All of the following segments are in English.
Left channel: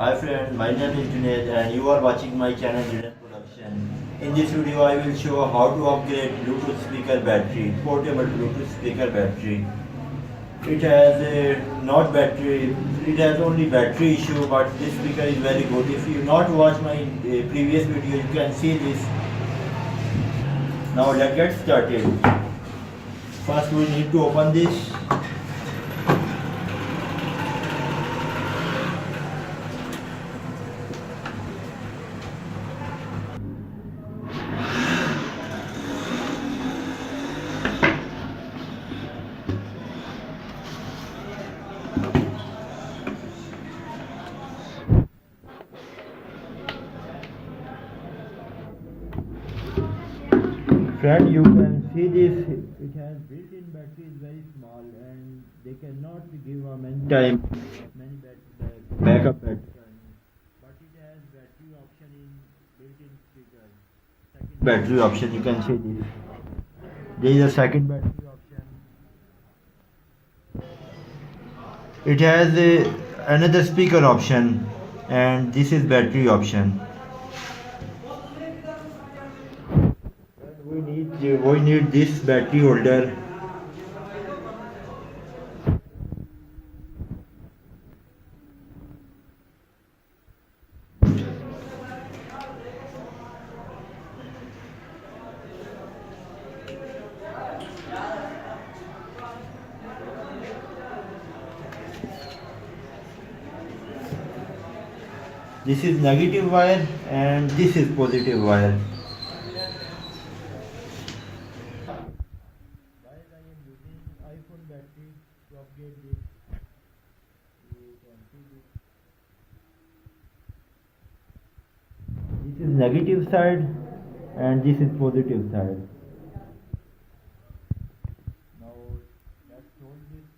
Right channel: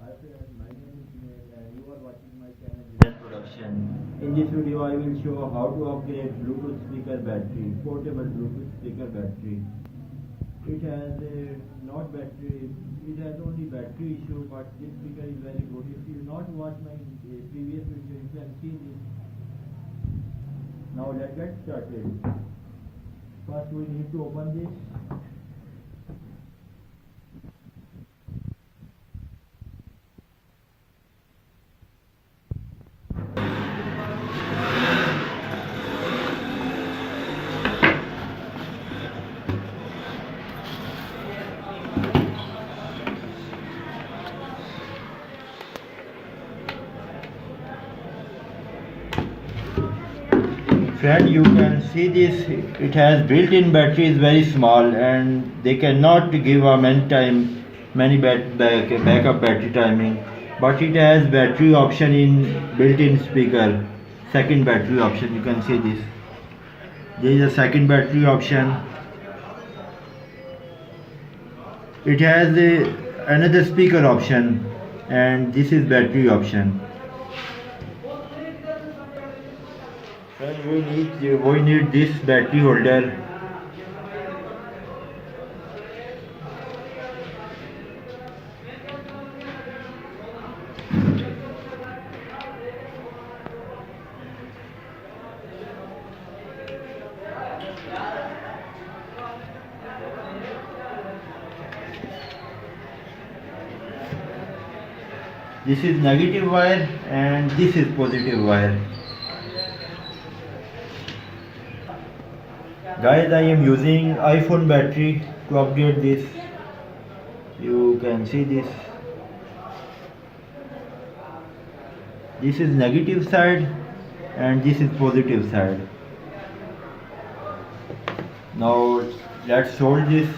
Hi friend, my name is Junaid and you are watching my channel Junaid Production. In this video I will show how to upgrade Bluetooth speaker battery, portable Bluetooth speaker battery. It has a not battery, it has only battery issue, but this speaker is very good. If you not watch my previous video you can see this. Now let's get started. First we need to open this. Friend, you can see this, it has built-in battery is very small and they cannot give a many backup battery timing, but it has battery option in built-in speaker, second battery option. You can see this, there is a second battery option. It has another speaker option and this is battery option. We need this battery holder. This is negative wire and this is positive wire. Guys, I am using iPhone battery to upgrade this. You can see this. This is negative side and this is positive side. Now let's solder this.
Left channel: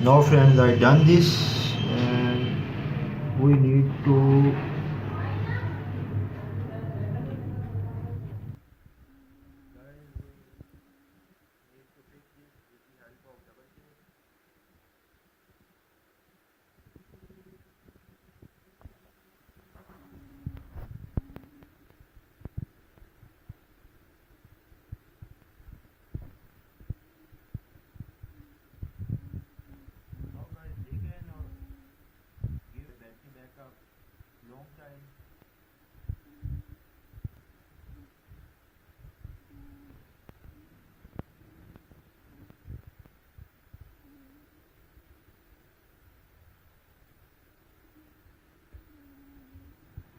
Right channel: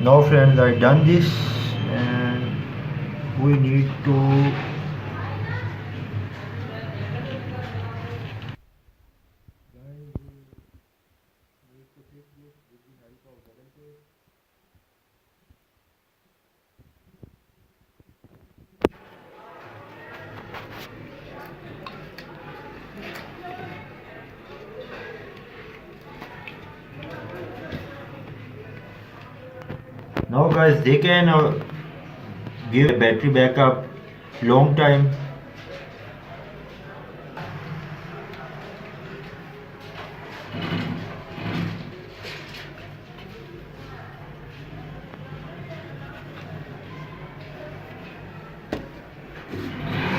Now friends, I done this and we need to fix this with the help of double tape. Now guys, they can give battery backup long time.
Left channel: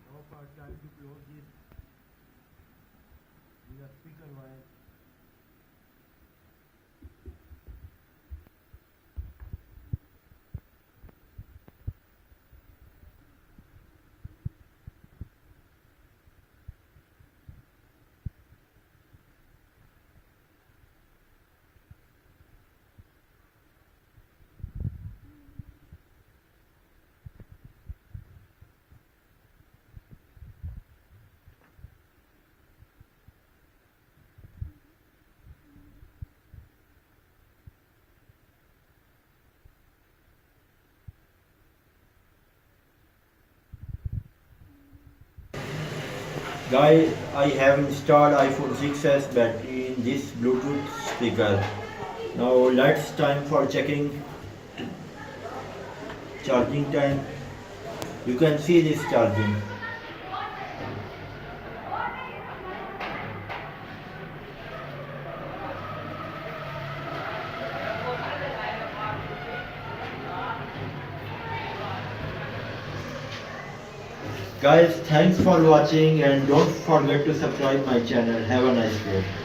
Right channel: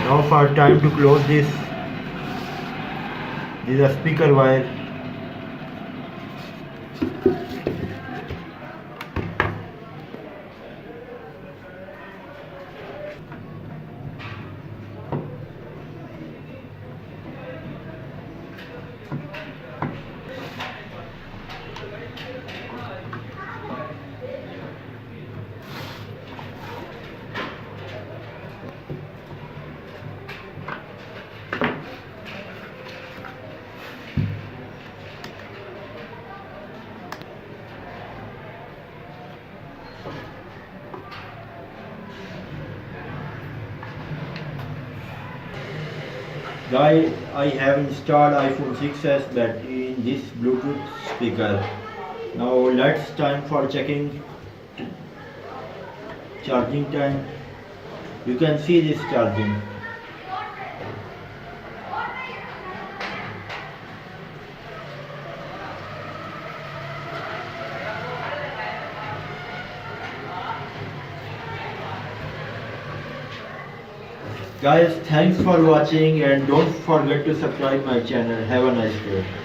Now for time to close this is a speaker wire. Guys, I have installed iPhone 6s battery in this Bluetooth speaker. Now let's time for checking charging time. You can see this charging. Guys, thanks for watching and don't forget to subscribe my channel. Have a nice day.